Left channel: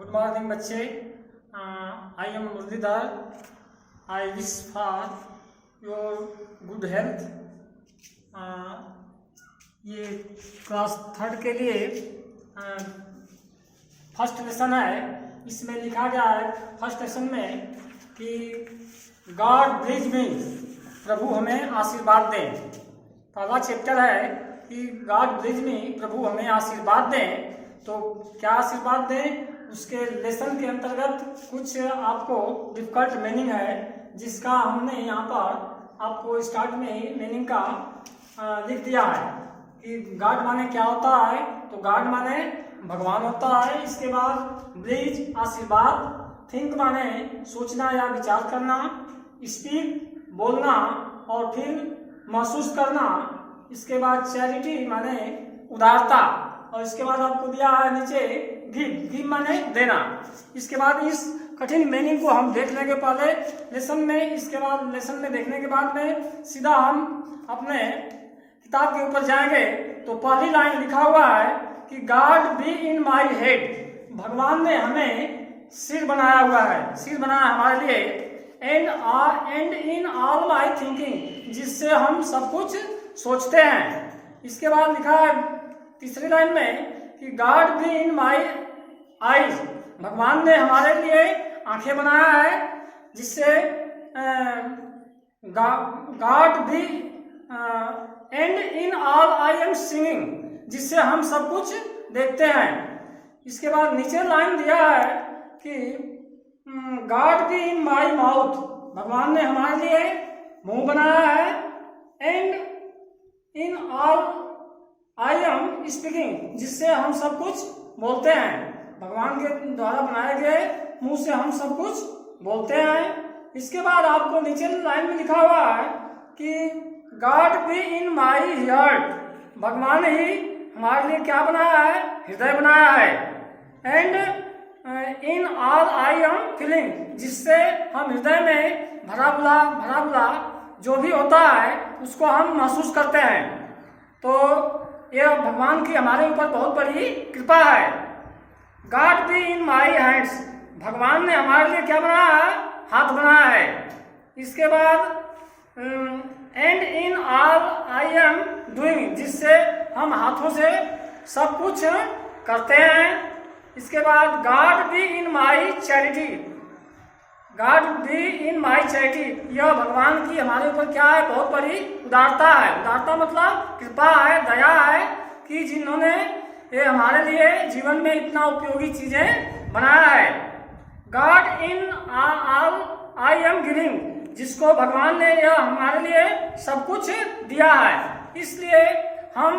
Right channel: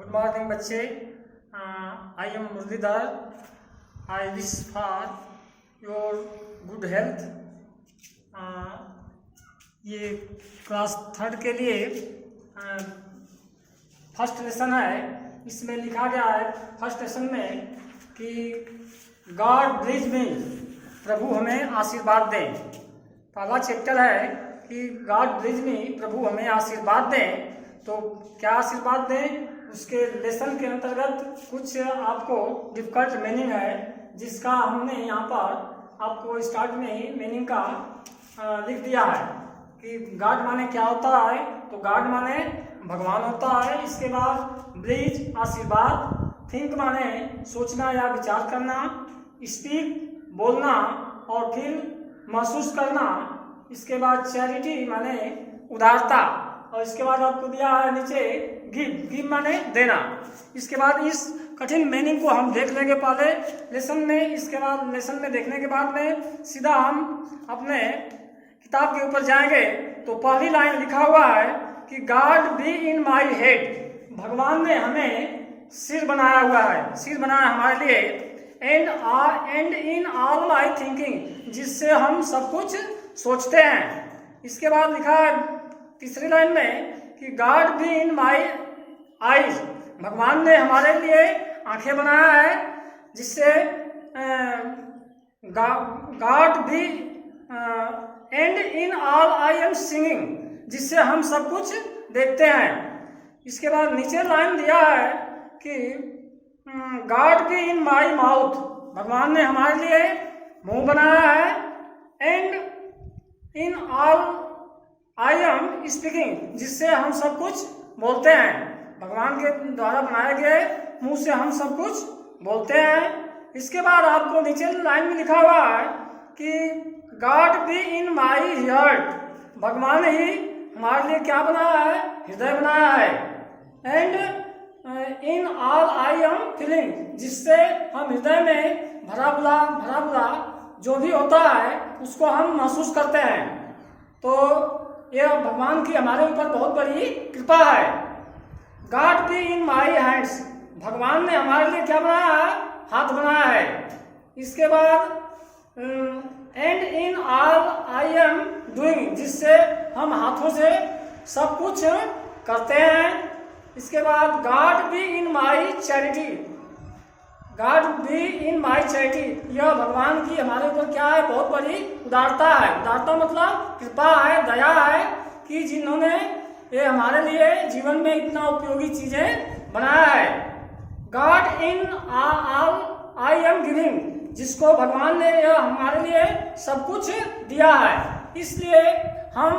Good morning, बच्चे. I am Murlidhar. I wish for your good health. ये class third के लिए first lesson है. इसमें लिखा गया है फर्स्ट लेसन में कि गॉड ब्लेस मी, प्रभु हमें आशीर्वाद दें. पहला चैप्टर है कि गॉड ब्लेस मी, प्रभु हमें आशीर्वाद दें. तो क्या आशीर्वाद दें, उसके लेसन के अंतर्गत कुछ आपको डिफिकल्ट मीनिंग है, जिसका हमने यहाँ पर आपको स्टार्ट में ही मीनिंग का लिख दिया है कि गॉड माने क्या होता है. तो गॉड माने भगवान होता है. इसके बाद ब्लेस आशीर्वाद, थिंक माने सोचना या विचार करना, स्पीक बोलना और फिर महसूस करना. इसके बाद चैरिटी माने उदारता. और इसके बाद आपको दिया है नीचे गिव माने देना. इसके बाद इस कठिन मीनिंग को हम देख लेंगे पहले लेसन में. इसके बाद लेसन में देखने के बाद में सीधा हम अपने किताब के ऊपर जाएंगे. तो पहली लाइन लिखा हुआ है कि God be in my head, भगवान ने हमें सिर बनाया हुआ है, सिर बनाया हमारे लिए. And in all my thinking, जिससे हम सब कुछ सोचते हैं. इसके बाद लिखा है तीसरी लाइन में कि God be in my eyes, भगवान ने हमारे लिए आंखें बनाया है, जिससे God B and in all I am singing, जिससे हम सब कुछ देखते हैं. इसके बाद नीचे लाइन दिया है कि God be in my mouth, भगवान ने हमारे लिए मुंह बनाया है. And in all I am speaking, जिससे हम सब कुछ बोलते हैं. भगवान के द्वारा बनाए गए मुंह से हम सब कुछ बोलते हैं. इसके बाद आपको नीचे लाइन में लिखा हुआ है कि God be in my heart, भगवान ही हमारे लिए क्या बनाया है, हृदय बनाया है. And in all I am feeling, जिससे हम हृदय में भरा बुला जो भी होता है उसको हम महसूस करते हैं. तो यह भगवान की हमारे ऊपर बहुत बड़ी कृपा है. God be in my hands, भगवान ने हमारे लिए क्या बनाया है, हाथ बनाया है. इसके बाद and in all I am doing, जिससे हम हाथों से सब कुछ करते हैं. इसके बाद God be in my charity, God be in my charity, यह भगवान की हमारे ऊपर क्या है, बहुत बड़ी उदारता है. उदारता मतलब कृपा है, दया है कि जिन्होंने ये हमारे लिए जीवन में इतना उपयोगी चीजें बनाया है. God in all I am giving, जिसको भगवान ने यह हमारे लिए सब कुछ दिया है. इसलिए हम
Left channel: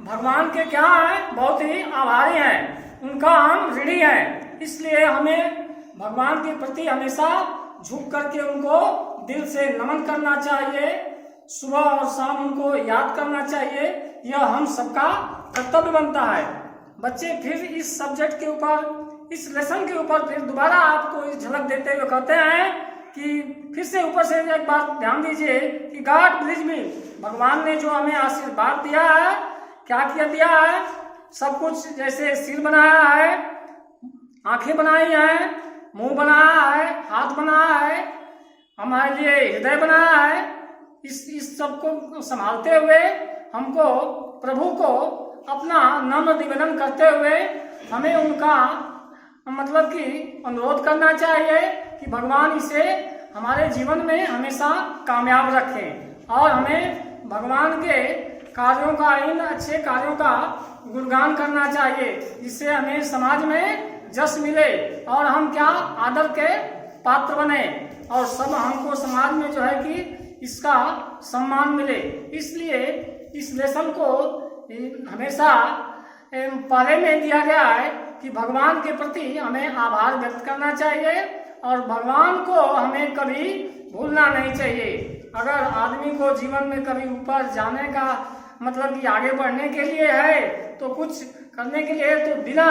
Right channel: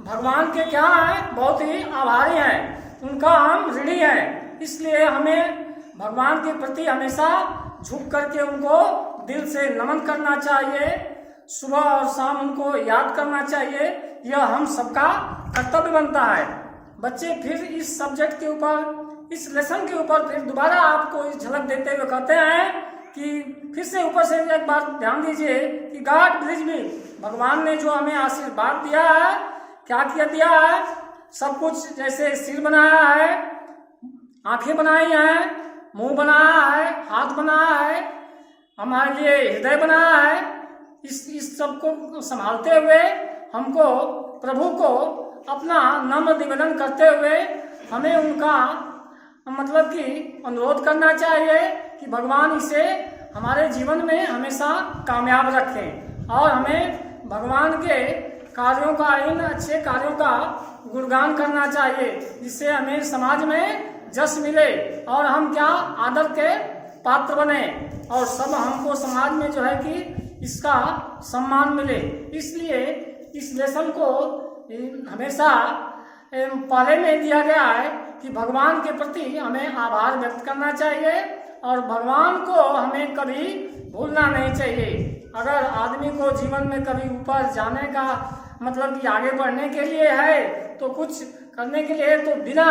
भगवान के क्या है, बहुत ही आभारी हैं, उनका हम ऋणी हैं. इसलिए हमें भगवान के प्रति हमेशा झुक करके उनको दिल से नमन करना चाहिए, सुबह और शाम उनको याद करना चाहिए. यह हम सबका कर्तव्य बनता है. बच्चे फिर इस सब्जेक्ट के ऊपर, इस लेसन के ऊपर फिर दोबारा आपको इस झलक देते हुए कहते हैं कि फिर से ऊपर से एक बार ध्यान दीजिए कि गॉड ब्लेस मी, भगवान ने जो हमें आशीर्वाद दिया है, क्या किया दिया है, सब कुछ. जैसे सिर बनाया है, आंखें बनाई हैं, मुंह बनाया है, हाथ बनाया है, हमारे लिए हृदय बनाया है. इस सब को संभालते हुए हमको प्रभु को अपना नम्र निवेदन करते हुए हमें उनका मतलब कि अनुरोध करना चाहिए कि भगवान इसे हमारे जीवन में हमेशा कामयाब रखें. और हमें भगवान के कार्यों का, इन अच्छे कार्यों का गुणगान करना चाहिए, जिससे हमें समाज में जस मिले और हम क्या, आदर के पात्र बने और सब हमको समाज में जो है कि इसका सम्मान मिले. इसलिए इस लेसन को हमेशा पहले में दिया गया है कि भगवान के प्रति हमें आभार व्यक्त करना चाहिए और भगवान को हमें कभी भूलना नहीं चाहिए. अगर आदमी को जीवन में कभी ऊपर जाने का मतलब कि आगे बढ़ने के लिए है, तो कुछ करने के लिए, तो बिना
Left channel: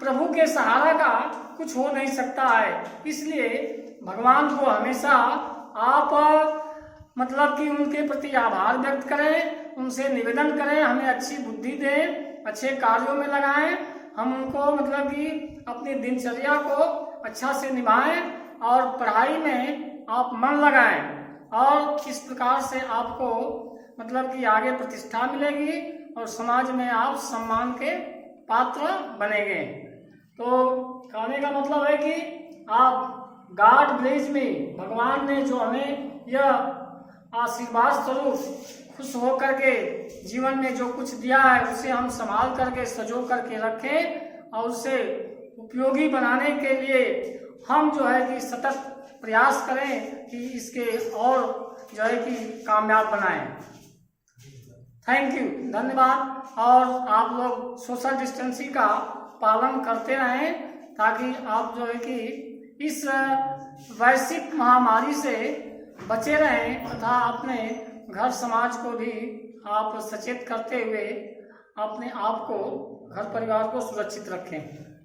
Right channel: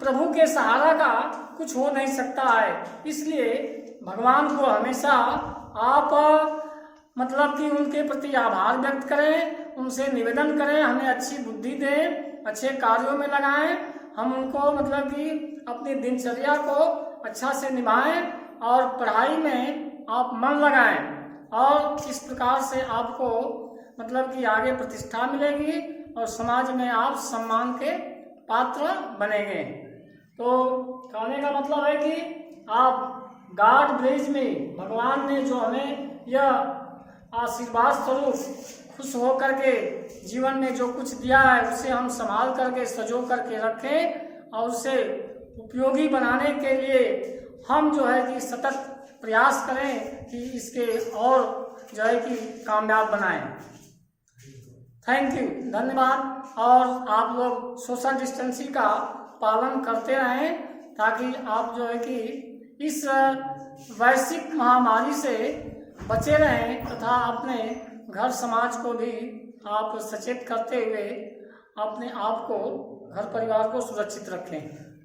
प्रभु के सहारा का कुछ हो नहीं सकता है. इसलिए भगवान को हमेशा आप मतलब कि उनके प्रति आभार व्यक्त करें, उनसे निवेदन करें, हमें अच्छी बुद्धि दें, अच्छे कार्यों में लगाएं, हम उनको मतलब कि अपनी दिनचर्या को अच्छा से निभाएं और पढ़ाई में आप मन लगाएं और इस प्रकार से आपको मतलब कि आगे प्रतिष्ठा मिलेगी और समाज में आप सम्मान के पात्र बनेंगे। तो कहने का मतलब है कि आप गॉड ब्लेस में, भगवान ने जो हमें यह आशीर्वाद स्वरूप खुश होकर के जीवन में जो कुछ दिया है उसे हम संभाल करके सजो करके रखें और उसे उपयोगी बनाने के लिए हम जो है कि सतत प्रयास करें कि इसके और जो है कि कामयाब बनाएं। थैंक यू, धन्यवाद। और आप लोग सोशल डिस्टेंसिंग का पालन करते रहें ताकि आप जो है कि इस वैश्विक महामारी से बचे रहें तथा अपने घर समाज को भी आप सचेत करते हुए अपने आप को, घर परिवार को सुरक्षित रखें।